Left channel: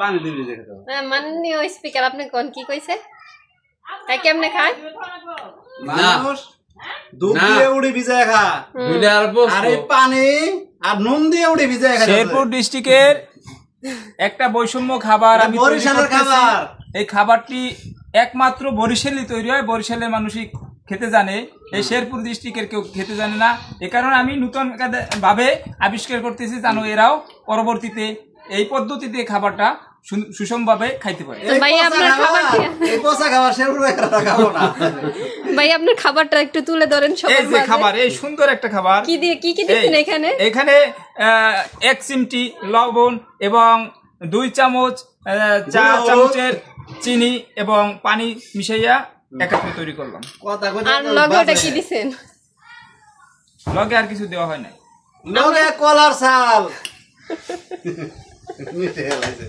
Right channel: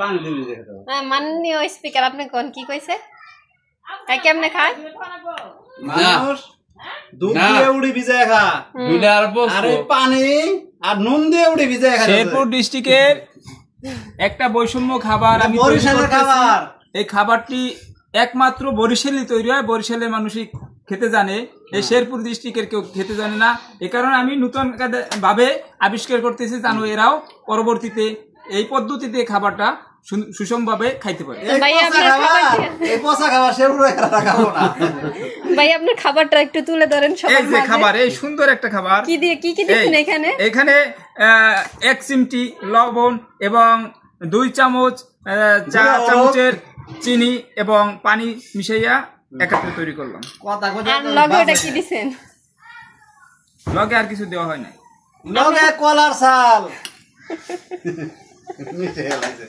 পানি দিবি যে খাও মাননীয় স্পিকার আপনি কোন কি কইছে তাই কেমনে খায় মানুষ দুধ দিয়ে উড়ি ভিজায় খা দুইটা অল্প আরে পানি আর নুন দিয়ে উড়ি ভিজায় খা শেরপুর ডিস্ট্রিক্টের একটা বৈষম্য খাবার আমি তৈরি বরিশালের করতেছি। খাবার এই খাবারটি একমাত্র বরিশালে তৈরি হয়, বরিশালের মানুষই খেতে জানে, এই শেরপুর ডিস্ট্রিক্টের কেউ খেতে জানে না। এ কারণে আমি নতুন ভাবে আবিষ্কার করতেছি যেন এরাও পরবর্তীতে এই পদ্ধতিতে খাবারটা সুষমভাবে খাইতে পারে। ভাই আপনার খাবারটা এই পোষা খাবার শেরপুরে খাবো না ভাই আপনার খাবারটা একটু তুলে ধরেন এই সবার যে মাঝে খাবার, এই সুন্দর একটা খাবার কি দিয়ে কি দিচ্ছেন এখানে এখানে 1 চিমটি লবণ এবং 2 চামচ চা চামচের চিনি এবং পানি মিশাইয়া একত্রে তৈরি করলাম। কথা কথা আর লগে ওটা কি দিছেন লগে আর কিছু দেওয়া হয় না। লগে কলার শাল মিশে গেছে